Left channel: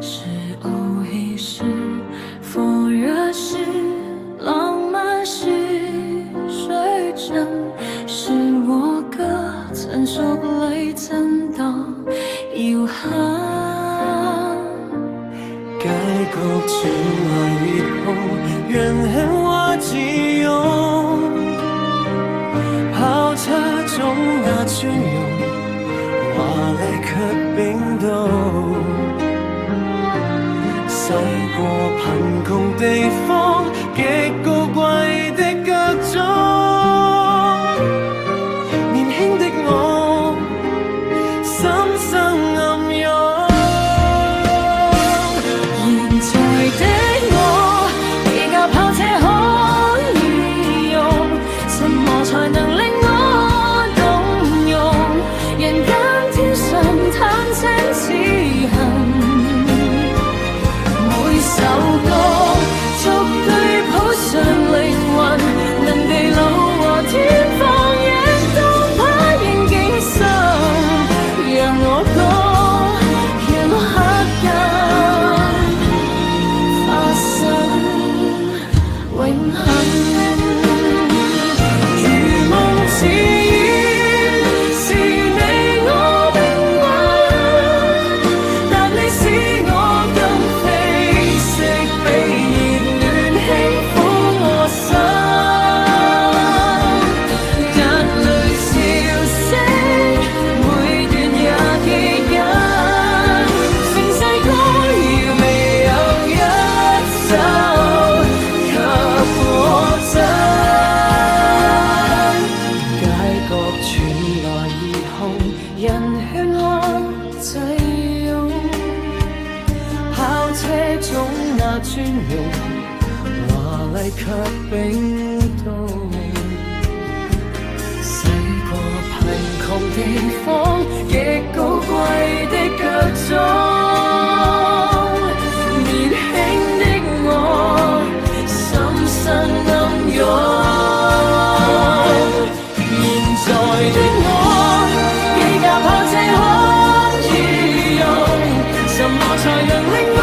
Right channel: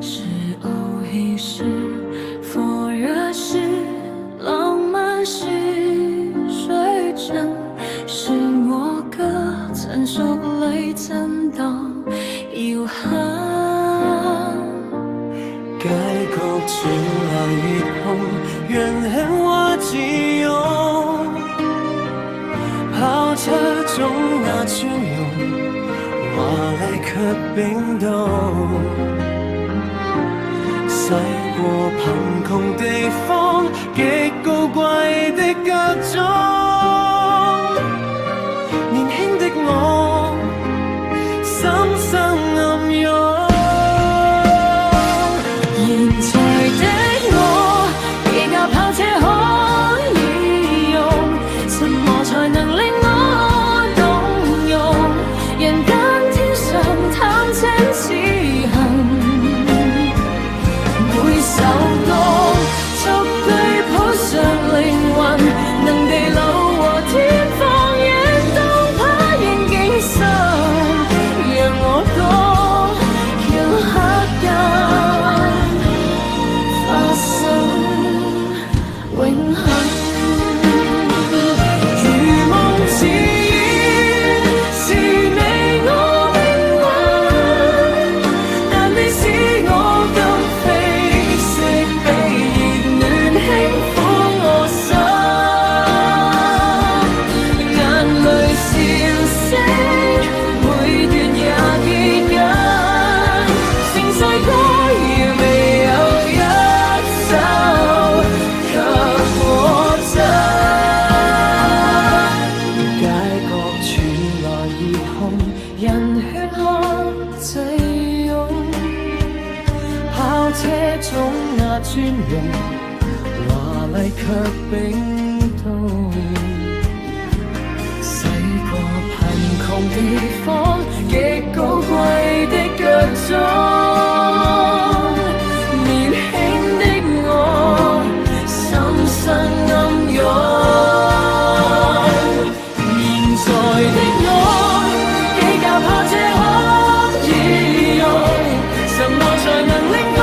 是偶一时，佛热时，浪漫是水真，是我歌，怎说不累，怎當要恨。街角傳來熱紅，人很話自用，跑車中那尊容，華麗卻冰凍。駛過貧窮地方，極高貴的腳蹤，年輕的我，心生暗湧。現在的我，幾架跑車可以用，什麼才能令我動容？人間天上貪請此行。每首歌逐句譜上靈魂，能地老和天荒野當把應景深，讓我歌讓黑暗發生永恆。如夢似煙，是你我命運，但你使我今比熱暖輕撫我心，眼淚笑聲每段也記緊，盛世歌謠未有一首給我真。街角傳來熱紅，人喧嘩擠擁，跑車中那尊容，華麗卻冰凍。駛過貧窮地方，極高貴的腳蹤，年輕的我，心生暗湧。現在的我，幾架跑車可以用，什麼才能令我